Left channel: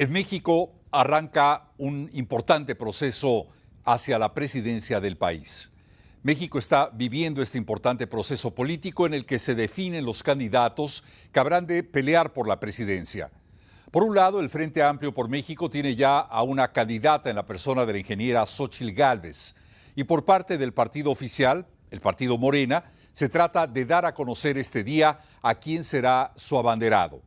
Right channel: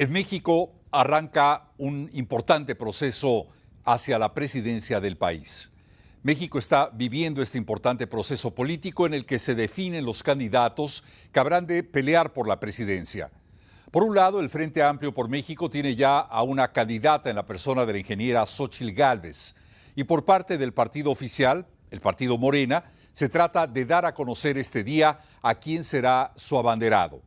En México arranca un importante proceso hacia la presidencia del país. México está viviendo este importante proceso político en el que se definen los candidatos que habrán de pelear por la presidencia. Por un lado, el Frente Amplio por México tiene ya a una candidata en la persona de la ingeniera Xóchitl Gálvez. Y por parte del partido oficial, el partido Morena, se trata de dar a conocer este día a quién será su abanderado.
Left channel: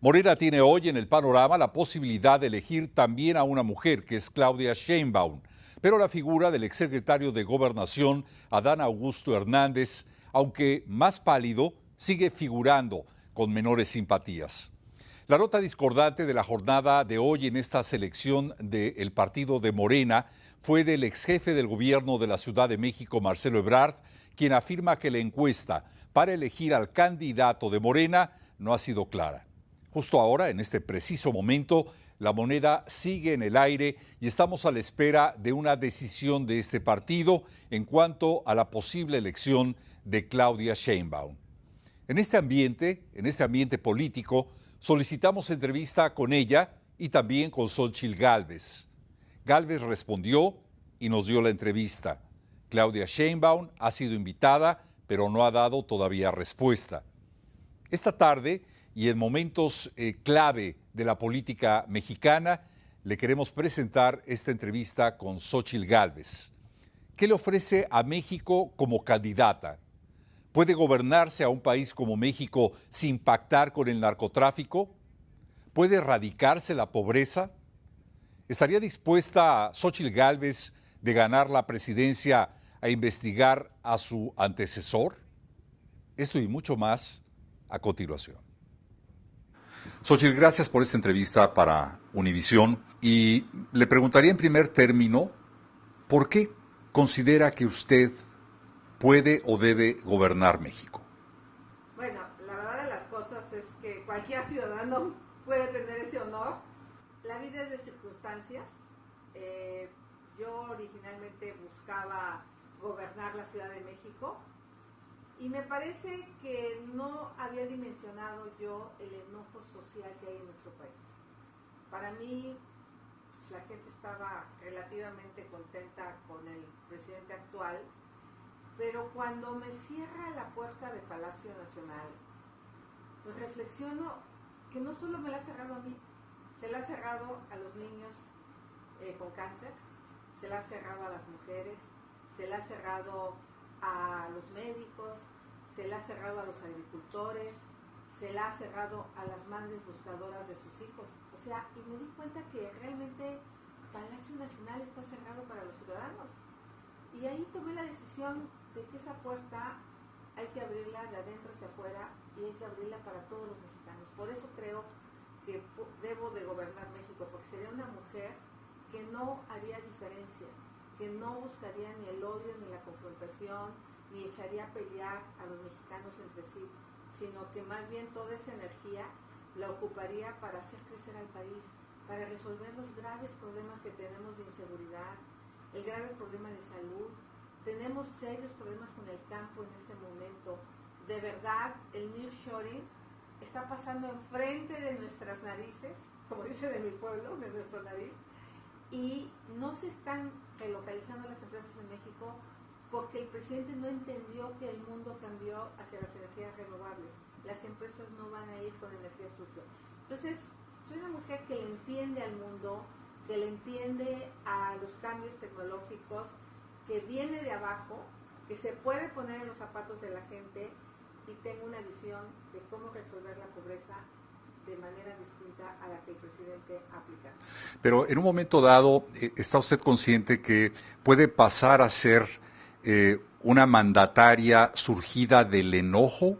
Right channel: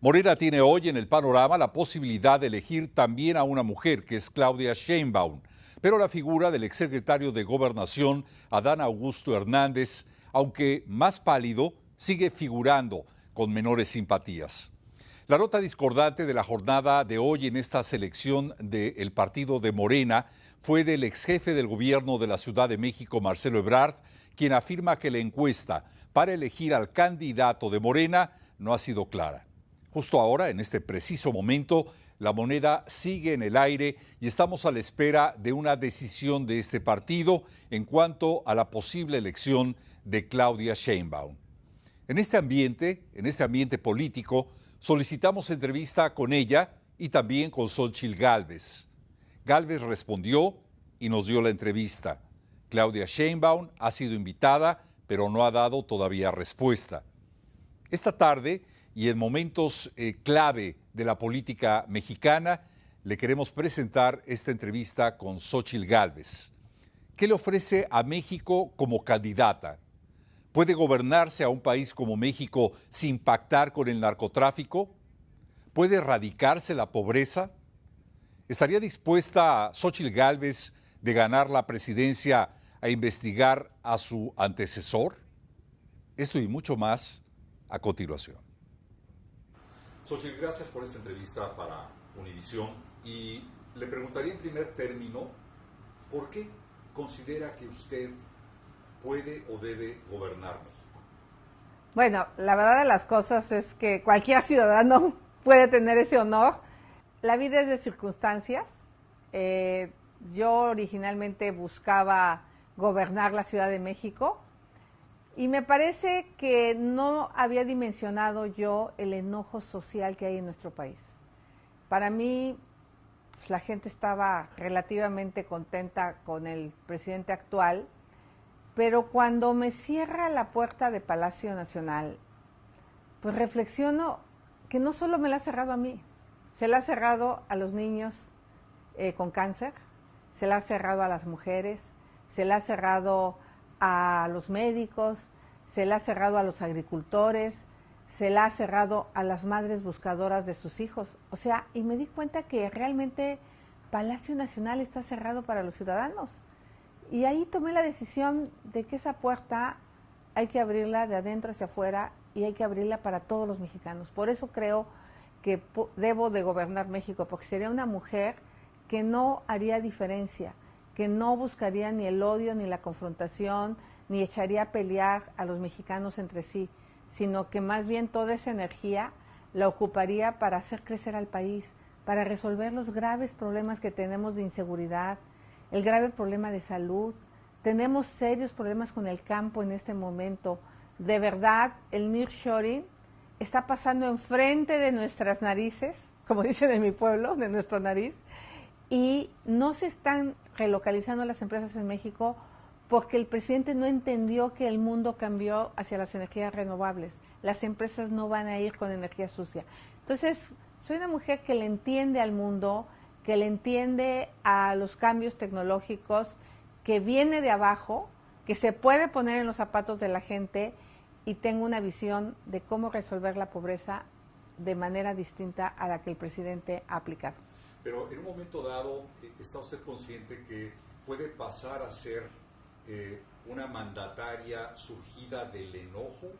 Morena tiene hoy en el panorama la posibilidad de elegir también a una mujer, que es Claudia Sheinbaum, pero la figura del exsecretario de Gobernación, Adán Augusto Hernández, aunque más pálido, sigue figurando con menores simpatías. La nota discordante de la jornada de hoy en esta selección del partido de Morena fue del exjefe del gobierno de la Ciudad de México, Marcelo Ebrard, quien afirma que la encuesta para elegir al candidato de Morena no ha sido clara. Justo ahora, en este preciso momento, la moneda sigue en el aire y estamos a la espera de una decisión de este partido en cuanto a la posible elección de Claudia Sheinbaum. En este ambiente político, solicitamos entrevista con ella y también con Xóchitl Gálvez. Gálvez respondió y nos dio la entrevista. Claudia Sheinbaum ha sido invitada, pero no ha dado todavía respuesta. Esta tarde, y en momentos clave de la política mexicana, le queremos presentar esta entrevista con Xóchitl Gálvez. ¿Qué le ofrece a México como candidata? ¿Puede gobernarse a un país como México sin pactar con el narcotráfico? ¿Puede erradicarse la pobreza? ¿Estaría dispuesta Xóchitl Gálvez de ganar la presidencia a investigar a su antecesor? Esto y mucho más a continuación. Xóchitl, gracias por esta entrevista para Univisión y le preguntaría en primer término, ¿por qué considera que usted puede o debe gobernar México? Bueno, la verdad de las cosas es que cualquier ciudadano puede tener ese honor. La vida es de circunstancias. Yo originalmente buscaba gobernar la Ciudad de México y me parece que no había dimensionado yo el enojo social que hay en nuestro país. Para mí, pues, la gente estaba relativamente contenta con el presidente actual, pero cuando me cierra la puerta de Palacio Nacional, pues reflexiono que no solo me la ha cerrado a mí, se la ha cerrado a los niños con cáncer, se la ha cerrado a las mujeres, se la ha cerrado a los médicos, se la ha cerrado a los agricultores, se la ha cerrado a las madres buscadoras de sus hijos. O sea, y me di cuenta que realmente Palacio Nacional está cerrado para los ciudadanos. Y ahí tomé la decisión de que esa puerta hay que abrirla de adentro hacia afuera y hay que abrirla para todos los mexicanos. Por eso creo que debo de gobernar México, porque sería una mujer que no haría diferencia, que no buscaría ni el odio ni la confrontación, ni echaría a pelear a los mexicanos entre sí, sino que más bien toda esa energía la ocuparía para hacer crecer al país, para resolver los graves problemas que tenemos de inseguridad, el grave problema de salud. Tenemos serios problemas con el campo en este momento. De verdad, el nearshoring está pasando enfrente de nuestras narices, como dicen en mi pueblo, de nuestra nariz, y no se están relocalizando las empresas en México porque el presidente no entendió que el mundo cambió hacia las energías renovables. Las empresas no van a ir con energía sucia. Entonces, soy una mujer que le entiende al mundo, que le entiende a los cambios tecnológicos, que viene de abajo, que se puede poner en los zapatos de la gente y tengo una visión de cómo resolver la pobreza de manera distinta a la que el presidente ha aplicado. Pero en un momento dado, ¿está usted consciente que puede pasar a ser una mandataria surgida del enojo?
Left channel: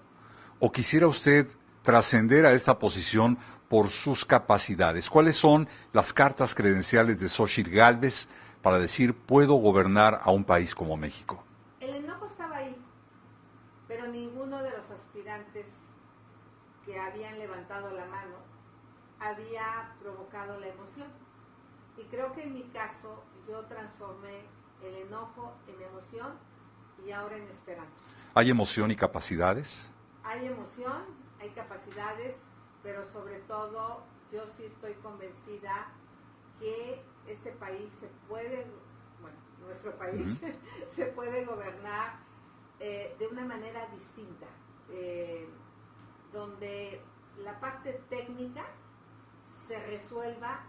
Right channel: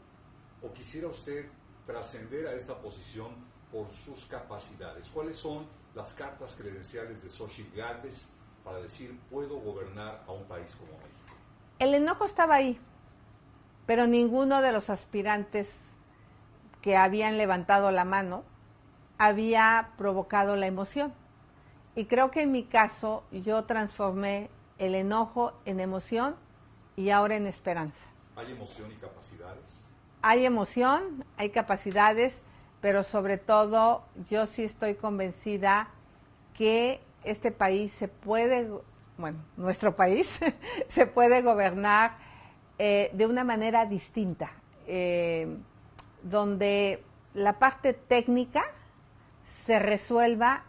¿O quisiera usted trascender a esta posición por sus capacidades? ¿Cuáles son las cartas credenciales de Xóchitl Gálvez para decir puedo gobernar a un país como México? El enojo estaba ahí, pero ninguno de los aspirantes que habían levantado la mano había provocado la emoción. Y creo que en mi caso yo transformé el enojo en emoción y ahora en esperanza. ¿Hay emoción y capacidades? Hay emoción, hay capacidades, pero sobre todo yo sí estoy convencida que este país se puede, bueno, nuestro país se puede gobernar de una manera distinta, donde la parte técnica se resuelva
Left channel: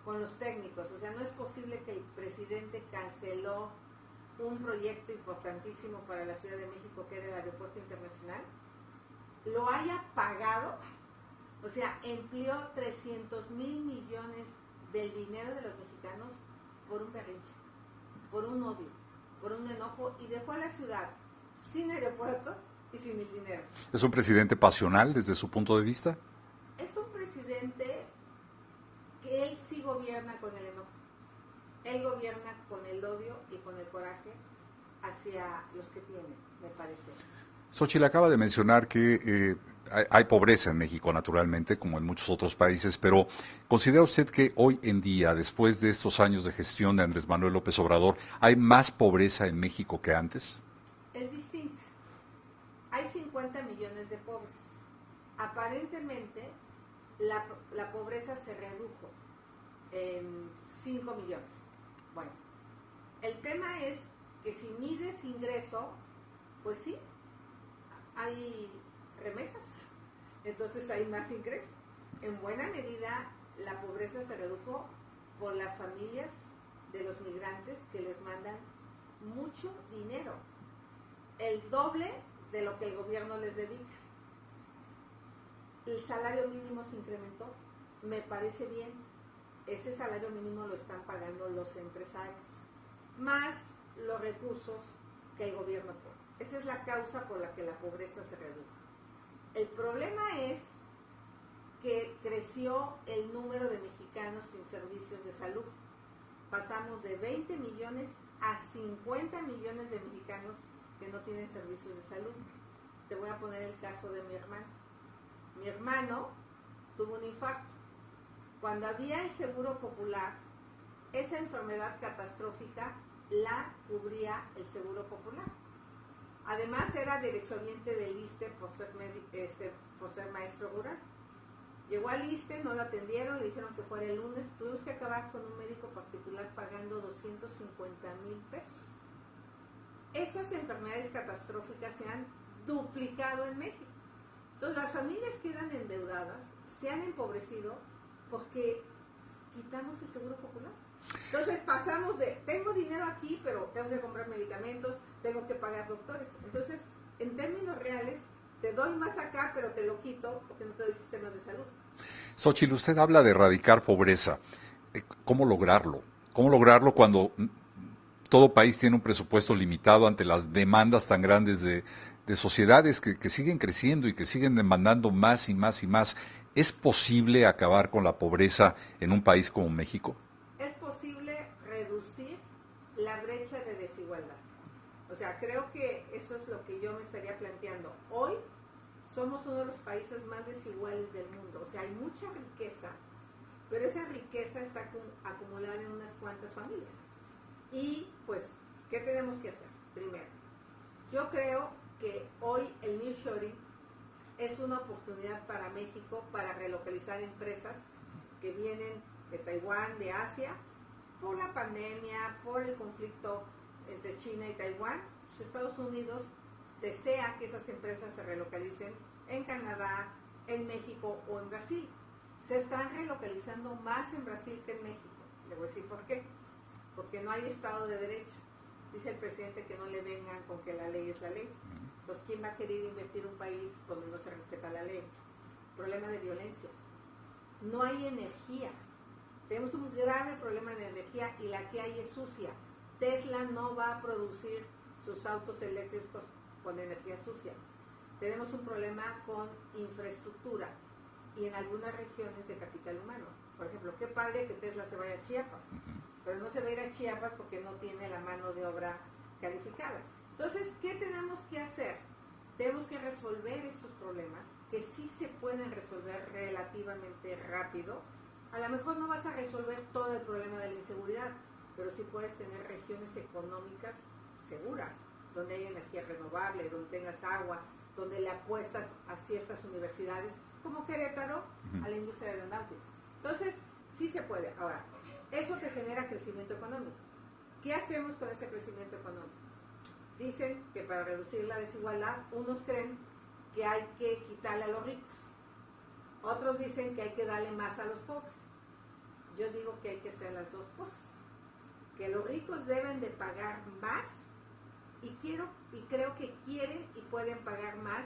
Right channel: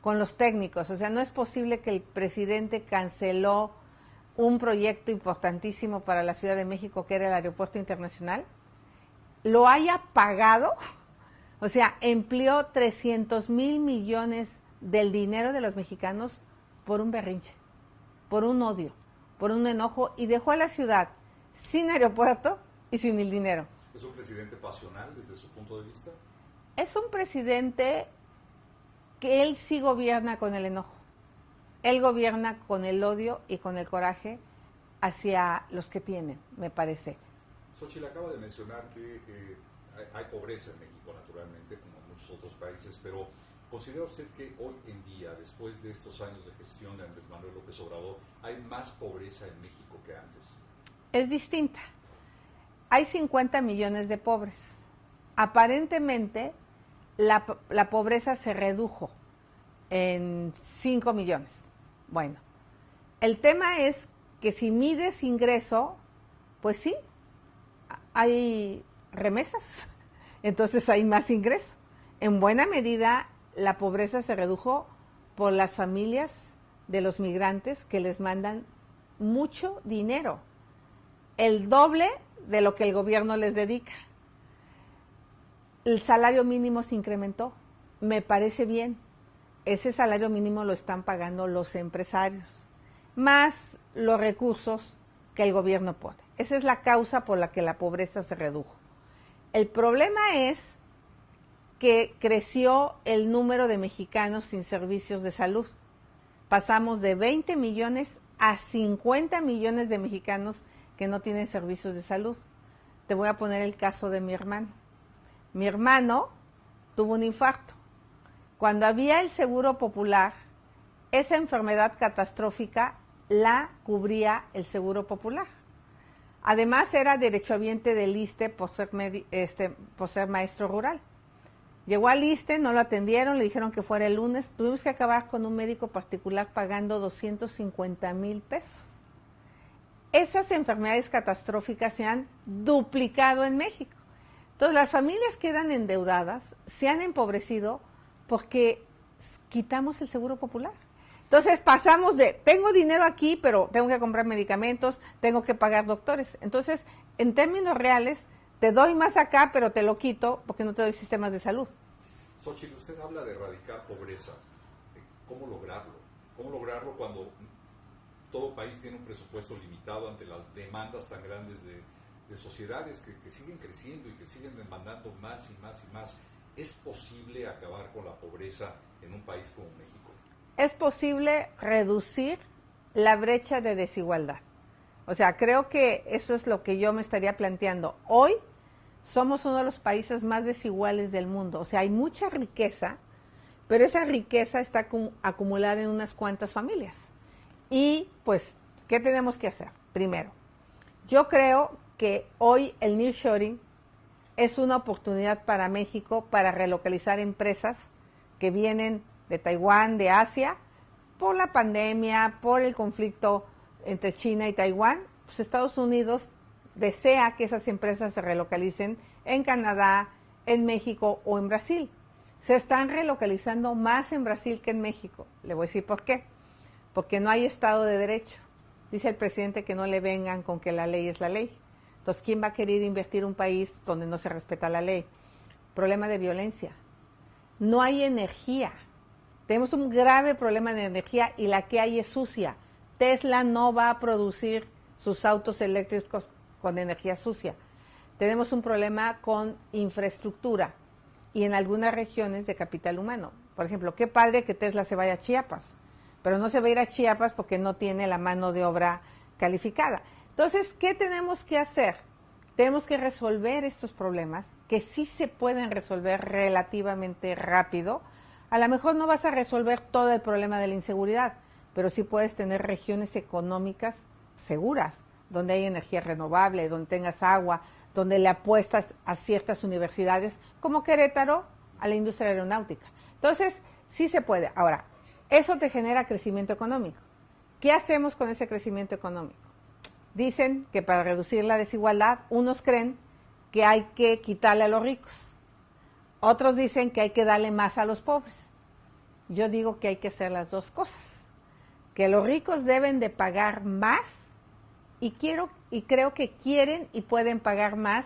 con los técnicos. O sea, no es posible que el presidente canceló un proyecto importantísimo para la Ciudad de México, que era el Aeropuerto Internacional, lo haya pagado, o sea, empleó 300,000 millones del dinero de los mexicanos por un berrinche, por un odio, por un enojo, y dejó a la ciudad sin aeropuerto y sin el dinero. ¿Es un presidente pasional desde su punto de vista? Es un presidente que él sí gobierna con el enojo. Él gobierna con el odio y con el coraje hacia los que tienen, me parece. Xóchitl acaba de mencionar que hay pobreza en México, naturalmente, como en muchos otros países, pero ¿considera usted que hoy en día, después de estos años de gestión de Andrés Manuel López Obrador, hay más pobreza en México que antes? Es distinta. Hay 50 millones de pobres. Aparentemente, la pobreza se redujo en 5 millones. Bueno, el tema es que si mides ingreso, pues sí, hay remesas, entonces hay más ingreso. En buena medida, la pobreza se redujo por las familias de los migrantes que les mandan mucho dinero, el doble de lo que el gobierno les dedica. El salario mínimo se incrementó, me parece bien. Ese salario mínimo lo están pagando los empresarios, más los recursos que el gobierno pone. Esa es la causa por la que la pobreza se redujo. El problema es que creció el número de mexicanos sin servicios de salud. Pasamos de 20 millones a 50 millones de mexicanos que no tienen servicios de salud. Te voy a poner el caso de mi hermano. Mi hermano tuvo un infarto. Cuando había el Seguro Popular, esa enfermedad catastrófica la cubría el Seguro Popular. Además, era derechohabiente del ISSSTE por ser maestro rural. Llegó al ISSSTE, no lo atendieron, le dijeron que fuera el lunes. Tuvimos que acabar con un médico particular pagando 250,000 pesos. Esas enfermedades catastróficas se han duplicado en México. Entonces, las familias quedan endeudadas, se han empobrecido porque quitamos el Seguro Popular. Entonces pasamos de, tengo dinero aquí, pero tengo que comprar medicamentos, tengo que pagar doctores. Entonces, en términos reales, te doy más acá, pero te lo quito porque no te doy sistemas de salud. Xóchitl, usted habla de erradicar pobreza. ¿Cómo lograrlo? ¿Cómo lograrlo cuando todo país tiene un presupuesto limitado ante las demandas tan grandes de sociedades que siguen creciendo y que siguen demandando más y más y más? ¿Es posible acabar con la pobreza en un país como México? Es posible reducir la brecha de desigualdad. O sea, creo que eso es lo que yo me estaría planteando. Hoy somos uno de los países más desiguales del mundo. O sea, hay mucha riqueza, pero esa riqueza está acumulada en unas cuantas familias. Y pues, ¿qué tenemos que hacer? Primero, yo creo que hoy el nearshoring es una oportunidad para México para relocalizar empresas que vienen de Taiwán, de Asia, por la pandemia, por el conflicto entre China y Taiwán. Pues Estados Unidos desea que esas empresas se relocalicen en Canadá, en México o en Brasil. Se están relocalizando más en Brasil que en México. Le voy a decir por qué. Porque no hay Estado de Derecho. Dice el presidente que no le vengan con que la ley es la ley. Entonces, ¿quién va a querer invertir en un país donde no se respeta la ley? Problema de violencia. No hay energía. Tenemos un grave problema de energía y la que hay es sucia. Tesla no va a producir sus autos eléctricos con energía sucia. Tenemos un problema con infraestructura y en algunas regiones de capital humano. Por ejemplo, qué padre que Tesla se vaya a Chiapas, pero no se va a ir a Chiapas porque no tiene la mano de obra calificada. Entonces, ¿qué tenemos que hacer? Tenemos que resolver estos problemas que sí se pueden resolver relativamente rápido. A lo mejor no vas a resolver todo el problema de la inseguridad, pero sí puedes tener regiones económicas seguras, donde hay energía renovable, donde tengas agua, donde le apuestas a ciertas universidades, como Querétaro, a la industria aeronáutica. Entonces, sí se puede. Ahora, eso te genera crecimiento económico. ¿Qué hacemos con ese crecimiento económico? Dicen que para reducir la desigualdad, unos creen que hay que quitarle a los ricos. Otros dicen que hay que darle más a los pobres. Yo digo que hay que hacer las dos cosas. Que los ricos deben de pagar más y creo que quieren y pueden pagar más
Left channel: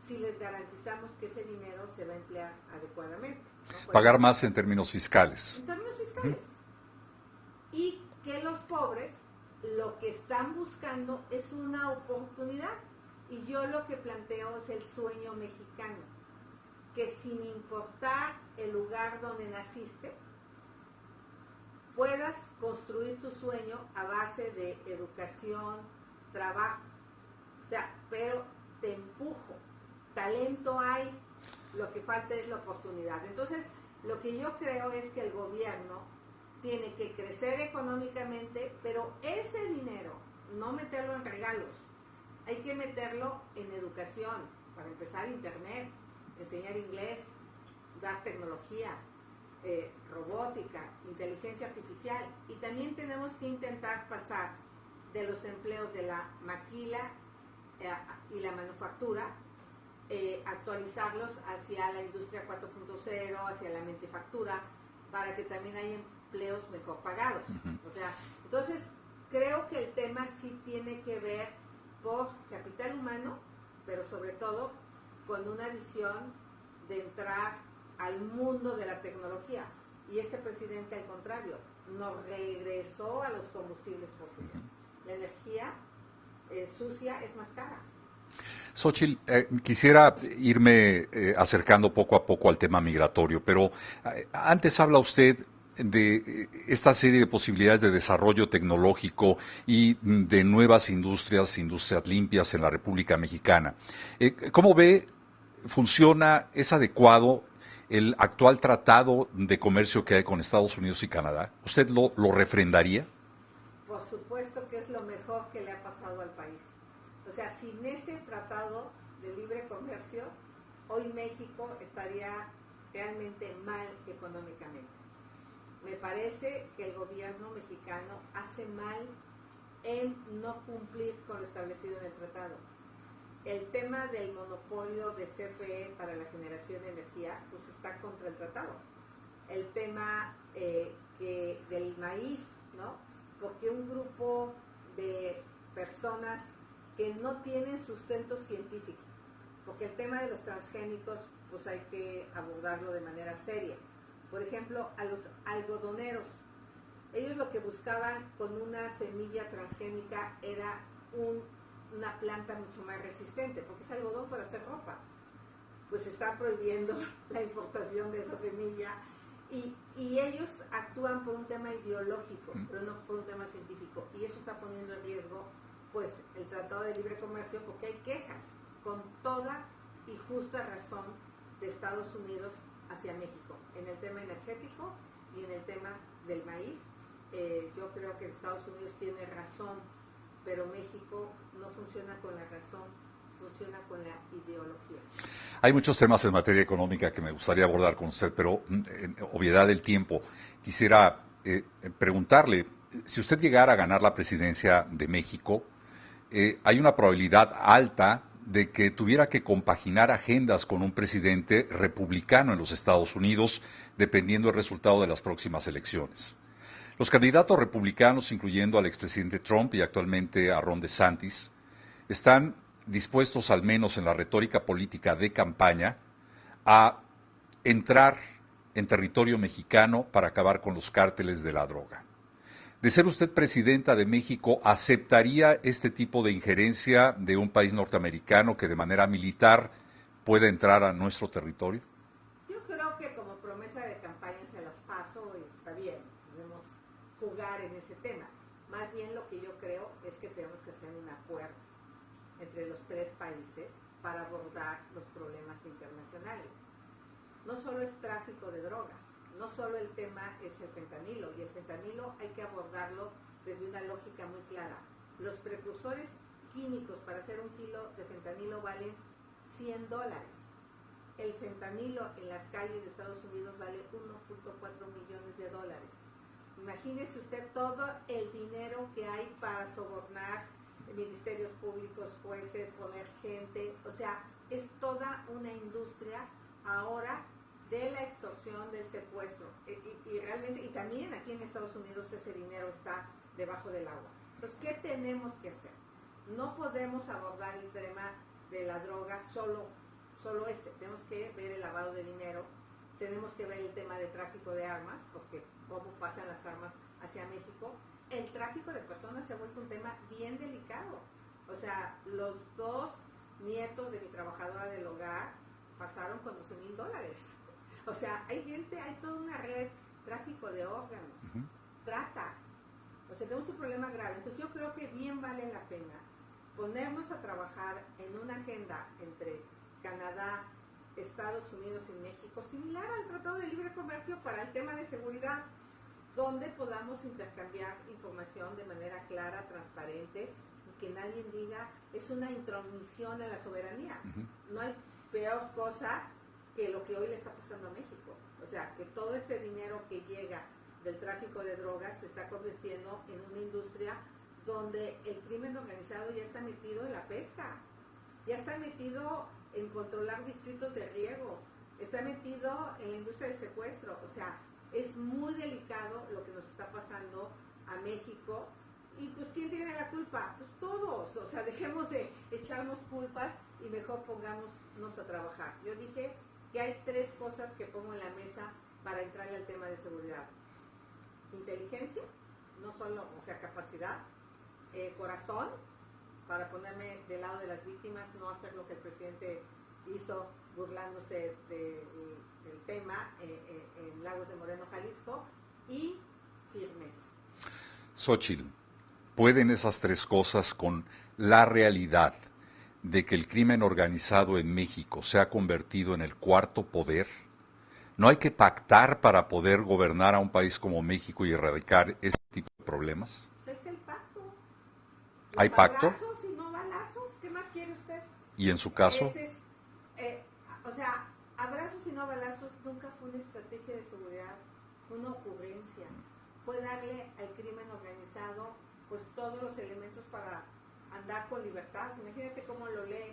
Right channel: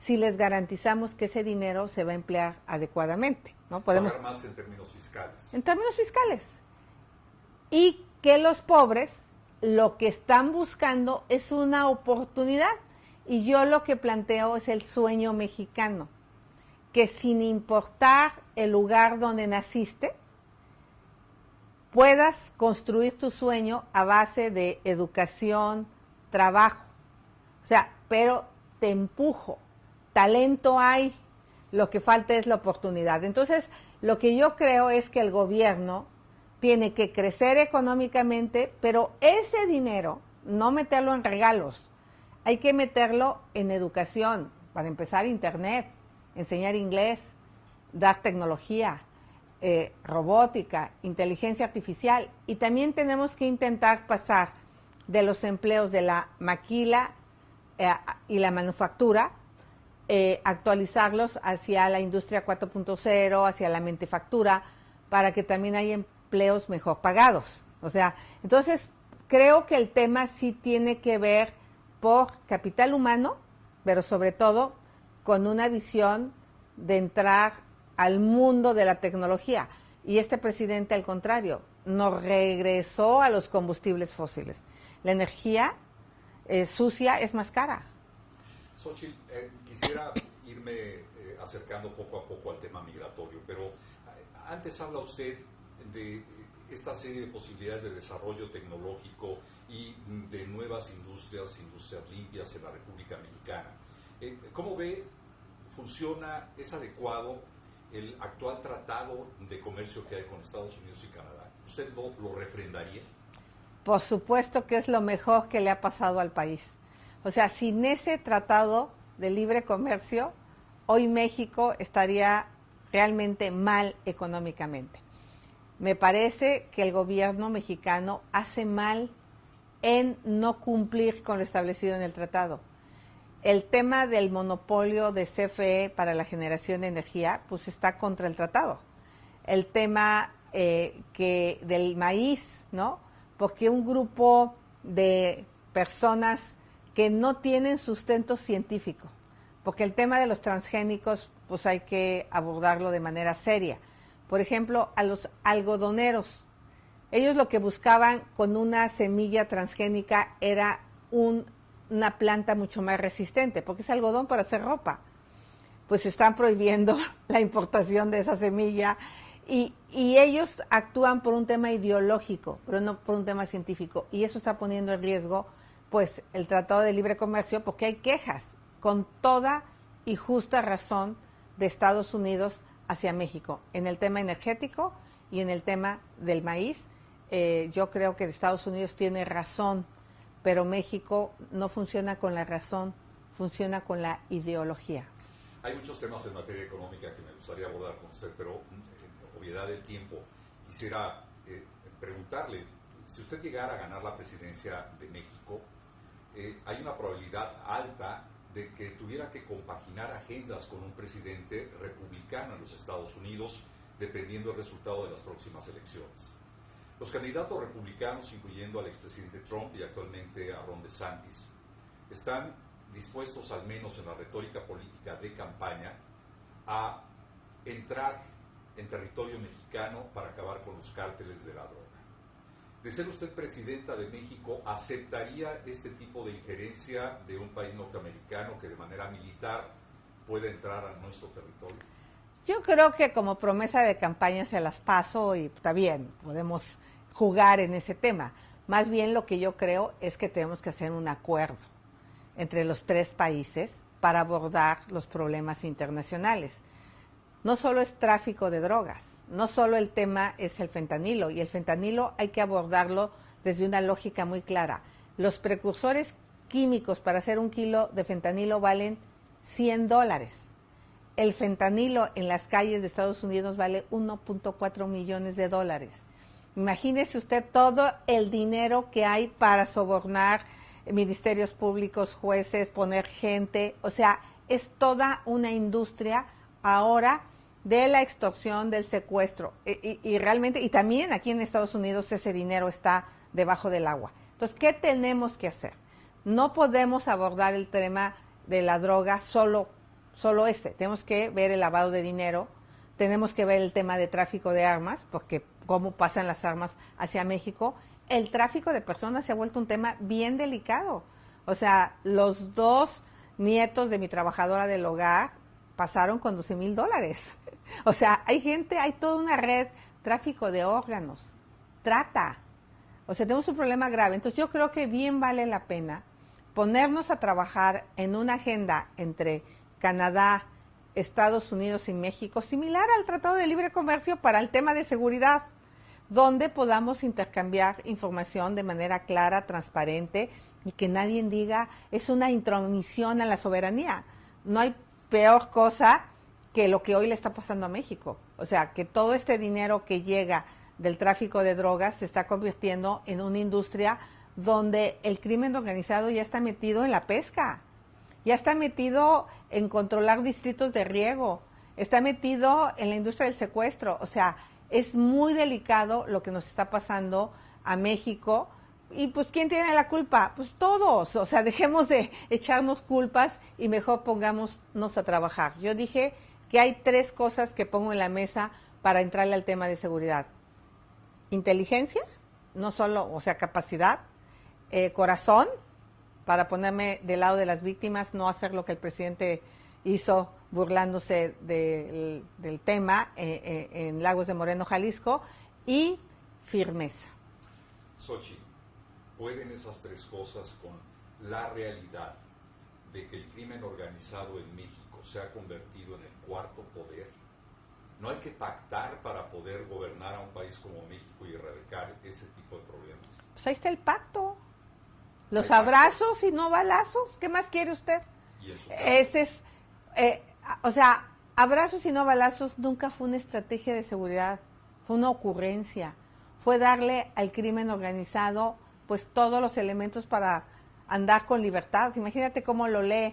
si les garantizamos que ese dinero se va a emplear adecuadamente, ¿no? Pagar más en términos fiscales. En términos fiscales. Y que los pobres lo que están buscando es una oportunidad. Y yo lo que planteo es el sueño mexicano. Que sin importar el lugar donde naciste, puedas construir tu sueño a base de educación, trabajo. O sea, pero te empujo. Talento hay, lo que falta es la oportunidad. Entonces, lo que yo creo es que el gobierno tiene que crecer económicamente, pero ese dinero, no meterlo en regalos, hay que meterlo en educación, para empezar internet, enseñar inglés, dar tecnología, robótica, inteligencia artificial, y también tenemos que intentar pasar de los empleos de la maquila y la manufactura, actualizarlos hacia la industria 4.0, hacia la manufactura, para que también haya empleos mejor pagados. O sea, entonces creo que el tema sí tiene que ver por capital humano, pero sobre todo con una visión de entrar al mundo de la tecnología. Y este presidente, al contrario, nos regresó a los combustibles fósiles. La energía sucia es más cara. Xóchitl, quisiera irme acercando poco a poco al tema migratorio, pero antes habla usted de esta serie de posibilidades de desarrollo tecnológico y de nuevas industrias limpias en la República Mexicana. ¿Cómo ve, funciona, es adecuado el actual tratado de comercio que hay con Estados Unidos y Canadá? ¿Usted lo refrendaría? Por supuesto que es lo mejor que le ha pasado al país. O sea, sin ese tratado de libre comercio, hoy México estaría realmente mal económicamente. Me parece que el gobierno mexicano hace mal en no cumplir con lo establecido en el tratado. El tema del monopolio de CFE para la generación de energía, pues está contra el tratado. El tema del maíz, ¿no? Porque un grupo de personas que no tienen sustento científico, porque el tema de los transgénicos, pues hay que abordarlo de manera seria. Por ejemplo, a los algodoneros, ellos lo que buscaban con una semilla transgénica era una planta mucho más resistente, porque es algodón para hacer ropa. Pues están prohibiendo la importación de esa semilla y ellos actúan por un tema ideológico, pero no por un tema científico, y eso está poniendo en riesgo pues el Tratado de Libre Comercio, porque hay quejas con toda y justa razón de Estados Unidos hacia México en el tema energético y en el tema del maíz. Yo creo que Estados Unidos tiene razón, pero México no funciona con la razón, funciona con la ideología. Hay muchos temas en materia económica que me gustaría abordar con usted, pero en obviedad del tiempo, quisiera preguntarle, si usted llegara a ganar la presidencia de México, hay una probabilidad alta de que tuviera que compaginar agendas con un presidente republicano en los Estados Unidos, dependiendo del resultado de las próximas elecciones. Los candidatos republicanos, incluyendo al expresidente Trump y actualmente a Ron DeSantis, están dispuestos, al menos en la retórica política de campaña, a entrar en territorio mexicano para acabar con los cárteles de la droga. De ser usted presidenta de México, ¿aceptaría este tipo de injerencia de un país norteamericano que de manera militar pueda entrar a nuestro territorio? Yo creo que como promesa de campaña se las paso y está bien, podemos jugar en ese tema. Más bien lo que yo creo es que tenemos que hacer un acuerdo entre los tres países para abordar los problemas internacionales. No solo es tráfico de drogas, no solo el tema es el fentanilo, y el fentanilo hay que abordarlo desde una lógica muy clara. Los precursores químicos para hacer 1 kilo de fentanilo valen $100. el fentanilo en las calles de Estados Unidos vale 1.4 millones de dólares. Imagínese usted todo el dinero que hay para sobornar ministerios públicos, jueces, poner gente. O sea, es toda una industria ahora de la extorsión, del secuestro. Y realmente, y también aquí en Estados Unidos ese dinero está debajo del agua. Entonces, ¿qué tenemos que hacer? No podemos abordar el tema de la droga solo ese. Tenemos que ver el lavado de dinero, tenemos que ver el tema de tráfico de armas, porque cómo pasan las armas hacia México. El tráfico de personas se ha vuelto un tema bien delicado. O sea, los 2 nietos de mi trabajadora del hogar pasaron con $12,000. O sea, hay toda una red, tráfico de órganos, trata. O sea, tenemos un problema grave. Entonces yo creo que bien vale la pena ponernos a trabajar en una agenda entre Canadá, Estados Unidos y México, similar al Tratado de Libre Comercio para el tema de seguridad, donde podamos intercambiar información de manera clara, transparente, y que nadie diga es una intromisión a la soberanía. No hay peor cosa que lo que hoy le está pasando a México. O sea, que todo este dinero que llega del tráfico de drogas se está convirtiendo en una industria donde el crimen organizado ya está metido en la pesca, ya está metido en controlar distritos de riego, está metido en la industria del secuestro. O sea, es muy delicado lo que nos está pasando a México. Y pues, ¿quién tiene la culpa? Pues todos. O sea, dejemos de echarnos culpas y mejor pongámonos a trabajar. Yo dije que hay 3 cosas que pongo en la mesa para entrarle al tema de seguridad. Inteligencia, no solo, o sea, capacidad, corazón, para ponerme del lado de las víctimas, no hacer lo que el presidente hizo burlándose del tema en Lagos de Moreno, Jalisco, y firmeza. Xóchitl, ¿pueden esas 3 cosas con la realidad de que el crimen organizado en México se ha convertido en el 4º poder? ¿No hay que pactar para poder gobernar a un país como México y erradicar ese tipo de problemas? Pues ahí está el pacto. Los ¿Hay pacto? abrazos y no balazos. ¿Qué más quiere usted? ¿Y en su caso? Ese es, o sea, abrazos y no balazos nunca fue una estrategia de seguridad. Fue una ocurrencia. Fue darle al crimen organizado pues todos los elementos para andar con libertad. Imagínate cómo lo lee.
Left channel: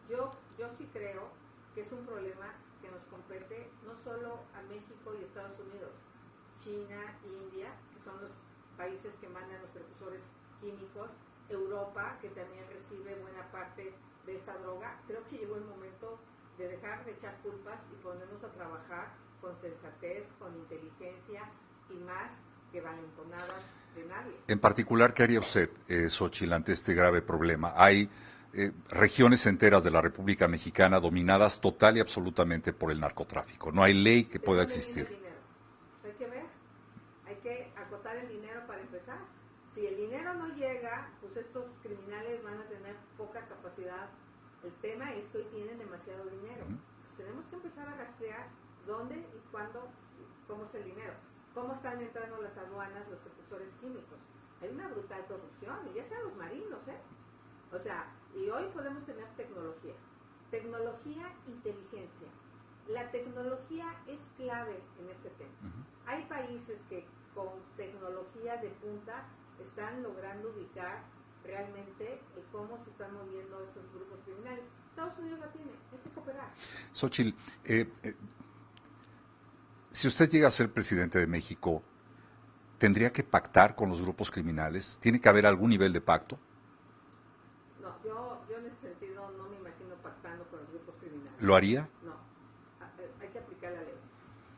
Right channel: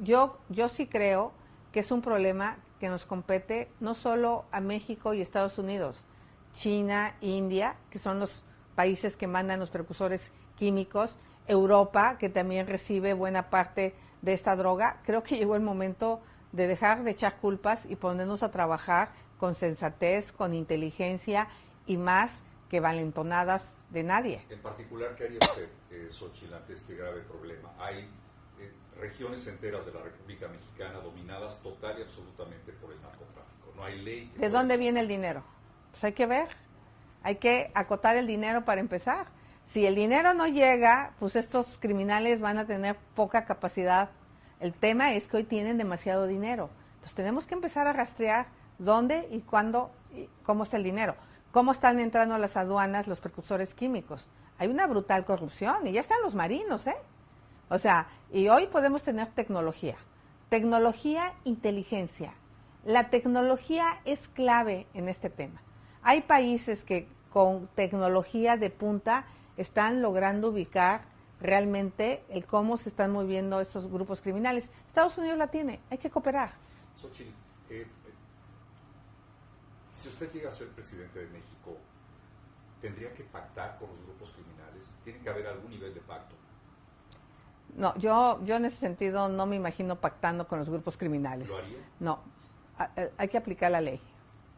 Yo sí creo que es un problema que nos compete no solo a México y Estados Unidos, China, India, que son los países que mandan los precursores químicos, Europa, que también recibe buena parte de esta droga. Creo que llegó el momento de dejar de echar culpas y ponernos a trabajar con sensatez, con inteligencia y más que valentonadas de nadie. En particular, ¿qué haría usted, Xóchitl, ante este grave problema? Hay regiones enteras de la República Mexicana dominadas total y absolutamente por el narcotráfico. No hay ley que pueda existir. ¿De dónde viene el dinero? Pues hay que ver. Hay que acotar el dinero para empezar. Si el dinero no llega, pues estos criminales van a tener poca capacidad. El tema es que hoy tienen demasiado dinero. Entonces tenemos que empezar a rastrear dónde y cuándo y cómo está el dinero. Cómo están entrando a las aduanas los precursores químicos. Hay una brutal corrupción y ya están los marinos, ¿eh? O sea, y hoy podemos tener tecnología. Tecnología, inteligencia. La tecnología es clave en este tema. Hay países que con tecnología de punta están logrando ubicar realmente el cómo se están moviendo estos grupos criminales. Estados Unidos la tiene, hay que cooperar. Xóchitl, si usted llega a ser presidente de México, ¿tendría que pactar con los grupos criminales? ¿Tiene que haber algún nivel de pacto? No, yo en ese sentido no me imagino pactando con los grupos criminales. ¿Lo haría? No, hay que aplicar la ley.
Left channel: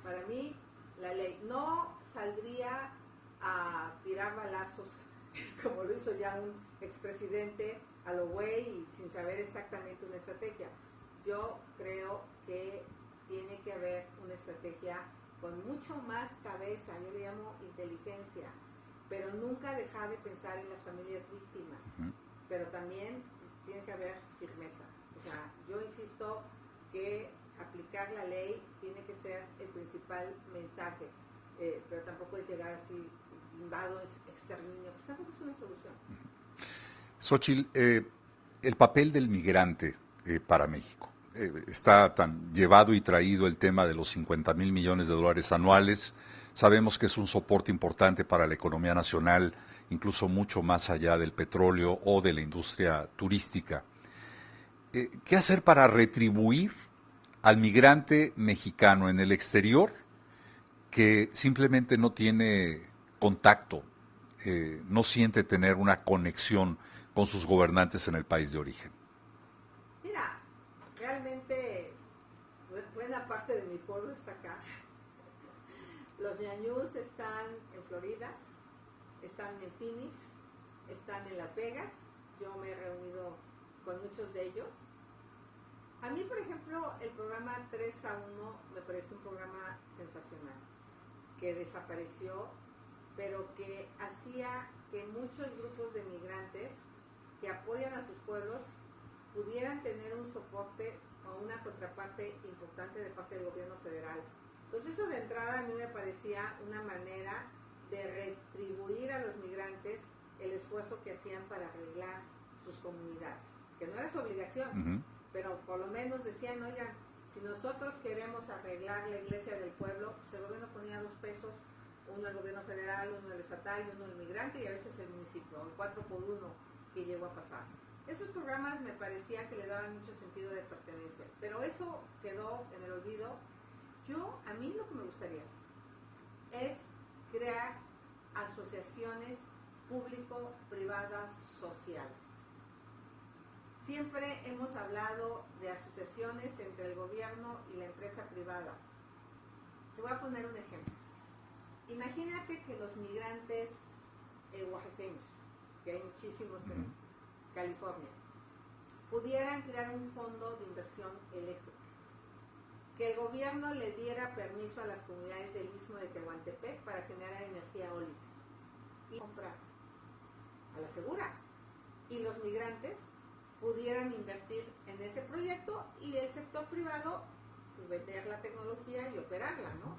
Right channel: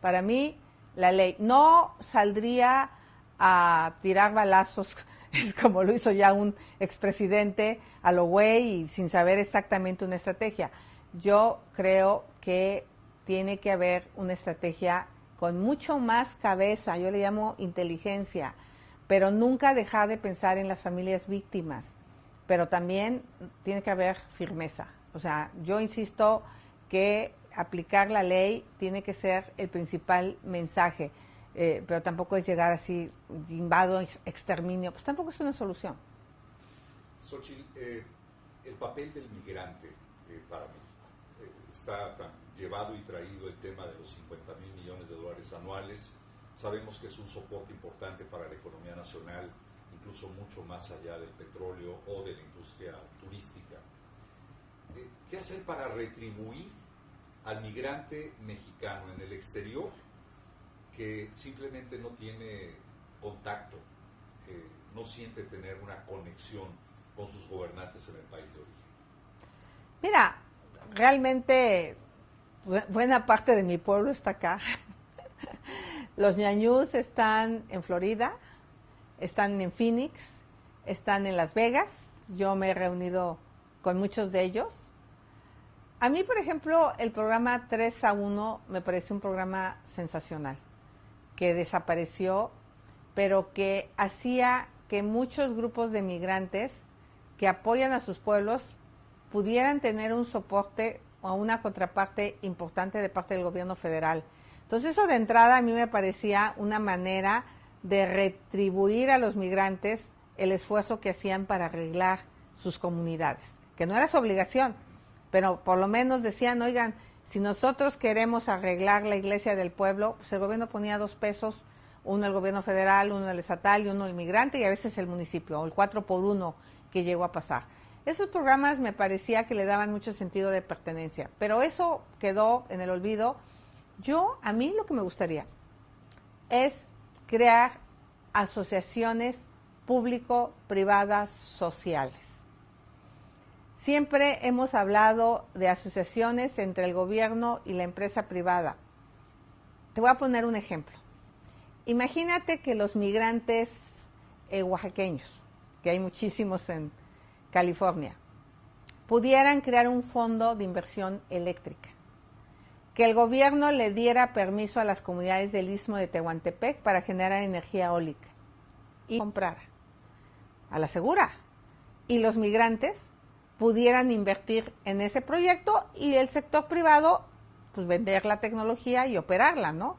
Para mí, la ley. No saldría a tirar balazos, es como lo hizo ya un expresidente a lo güey y sin saber exactamente una estrategia. Yo creo que tiene que haber una estrategia con mucho más cabeza, yo le llamo inteligencia, pero nunca dejar de pensar en las familias víctimas. Pero también tiene que haber firmeza. O sea, yo insisto que aplicar la ley tiene que ser el principal mensaje, pero tampoco es llegar así, invado, exterminio, pues tampoco es una solución. Xóchitl, el papel del migrante para México. está tan llevado y traído el tema de los 50,000 millones de dólares anuales. Sabemos que es un soporte importante para la economía nacional, incluso mucho más allá del petróleo o de la industria turística. ¿Qué hacer para retribuir al migrante mexicano en el exterior que simplemente no tiene contacto, no siente tener una conexión con sus gobernantes en el país de origen? Mira, realmente buena parte de mi pueblo está acá. Los ñañús están en Florida, están en Phoenix, están en Las Vegas. Yo me he reunido con muchos de ellos. A mí, por ejemplo, el programa 3-1 me parece un programa sensacional, que desapareció, pero que hacía que muchos grupos de migrantes que apoyan a sus pueblos pudieran tener un soporte o una contraparte importante de parte del gobierno federal. Entonces eso de entrada a mí me parecía una manera de retribuir a los migrantes el esfuerzo que hacían para arreglar sus comunidades, que no era su obligación, pero por lo menos decían, oigan, si nosotros queremos arreglar la iglesia del pueblo, pues el gobierno ponía 2 pesos, uno el gobierno federal, uno el estatal y uno el migrante, y a veces el municipio, o el 4x1 que llegó a pasar. Esos programas me parecía que le daban mucho sentido de pertenencia, pero eso quedó en el olvido. A mí lo que me gustaría es crear asociaciones público-privadas sociales. Siempre hemos hablado de asociaciones entre el gobierno y la empresa privada. Te voy a poner un ejemplo. Imagínate que los migrantes oaxaqueños, que hay muchísimos en California, pudieran crear un fondo de inversión eléctrica, que el gobierno le diera permiso a las comunidades del Istmo de Tehuantepec para generar energía eólica y comprara a la segura, y los migrantes pudieran invertir en ese proyecto y el sector privado pues vender la tecnología y operarla, ¿no?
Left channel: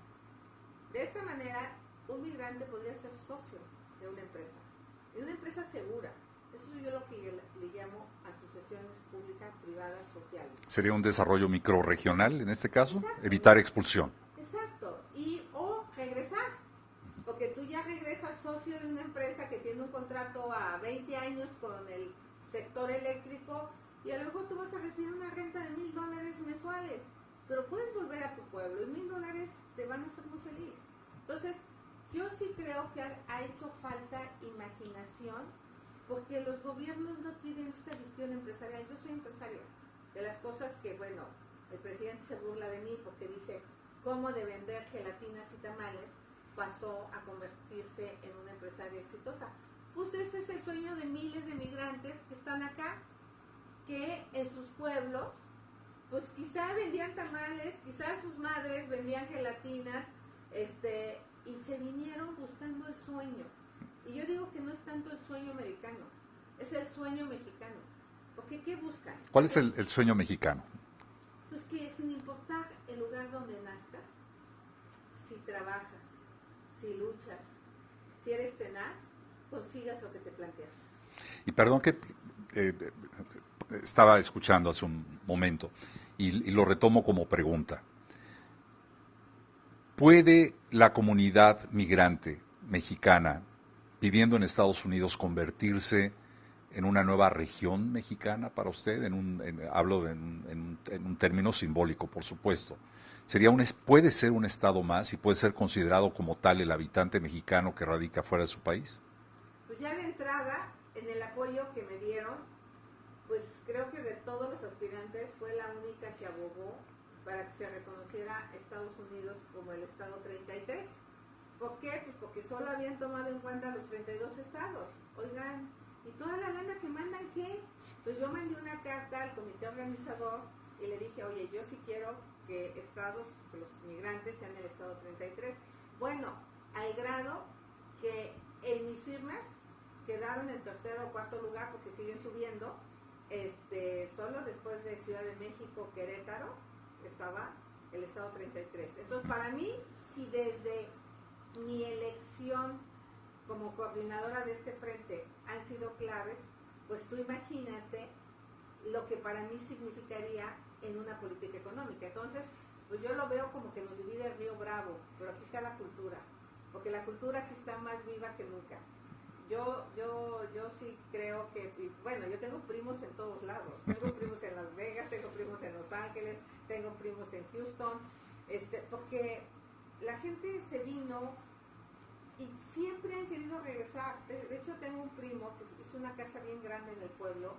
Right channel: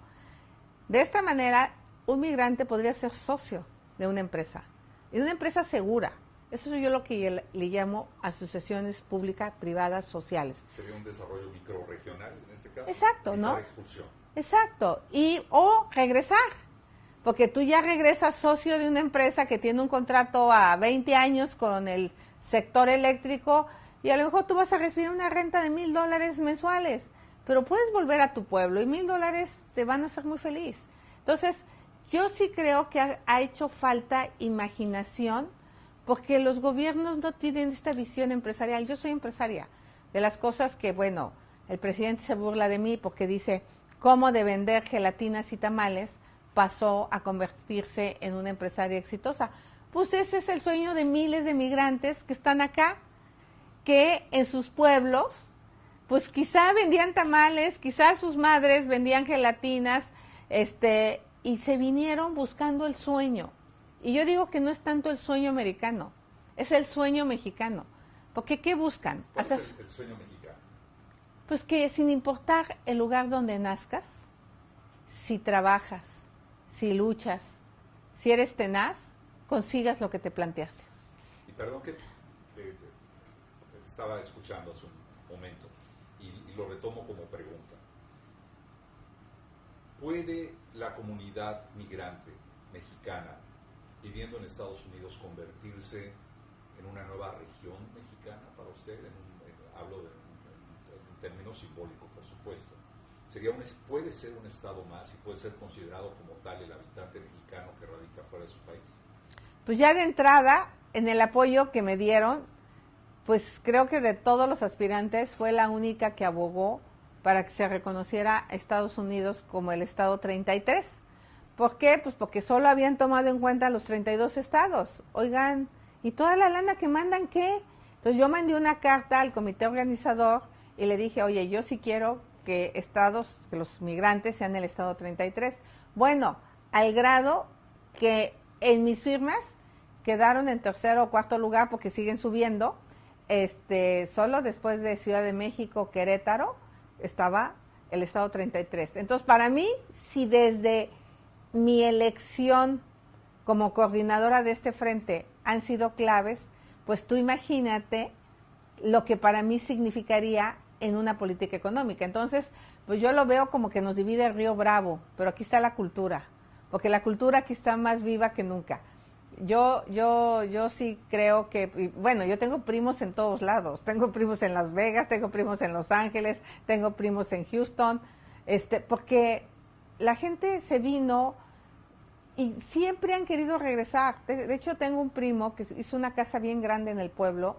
De esta manera un migrante podría ser socio de una empresa, y una empresa segura. Eso es yo lo que le llamo asociaciones públicas, privadas, sociales. ¿Sería un desarrollo microrregional en este caso? Exacto, Evitar ¿no? expulsión. Exacto, o regresar, porque tú ya regresas socio de una empresa que tiene un contrato a 20 años con el sector eléctrico, y a lo mejor tú vas a recibir una renta de $1,000 mensuales, pero puedes volver a tu pueblo y $1,000 te van a hacer muy feliz. Entonces, yo sí creo que ha hecho falta imaginación, porque los gobiernos no tienen esta visión empresarial. Yo soy empresaria. De las cosas que, bueno, el presidente se burla de mí porque dice, ¿cómo de vender gelatinas y tamales pasó a convertirse en una empresaria exitosa? Pues ese es el sueño de miles de migrantes que están acá, que en sus pueblos, pues quizá vendían tamales, quizá sus madres vendían gelatinas, y se vinieron buscando el sueño. Y yo digo que no es tanto el sueño americano, es el sueño mexicano. Porque ¿qué buscan? ¿Cuál es el sueño mexicano? Pues que sin importar el lugar donde nazcas, si trabajas, si luchas, si eres tenaz, consigas lo que te planteaste. Y perdón que estaba escuchando hace un momento y lo retomo como pregunta. ¿Puede la comunidad migrante mexicana viviendo en Estados Unidos convertirse en una nueva región mexicana para usted? Hablo en un término simbólico, por supuesto. ¿Puede ser un estado más y puede ser considerado como tal el habitante mexicano que radica fuera de su país? Pues ya de entrada, en el apoyo que me dieron, pues creo que de todos los aspirantes fue la única que abogó para que se reconociera a Estados Unidos como el estado 33. ¿Por qué? Pues porque solo habían tomado en cuenta los 32 estados. Oigan, ¿y toda la lana que mandan qué? Entonces yo mandé una carta al comité organizador y le dije, oye, yo sí quiero que que los migrantes sean el estado 33. Bueno, al grado que en mis firmas quedaron en tercer o cuarto lugar porque siguen subiendo. Solo después de Ciudad de México, Querétaro, estaba el estado 33. Entonces, para mí, si desde mi elección como coordinadora de este frente han sido claves, pues tú imagínate lo que para mí significaría en una política económica. Entonces, pues yo lo veo como que nos divide el río Bravo, pero aquí está la cultura, porque la cultura aquí está más viva que nunca. Yo sí creo que, bueno, yo tengo primos en todos lados, tengo primos en Las Vegas, tengo primos en Los Ángeles, tengo primos en Houston, porque la gente se vino y siempre han querido regresar. De hecho, tengo un primo que hizo una casa bien grande en el pueblo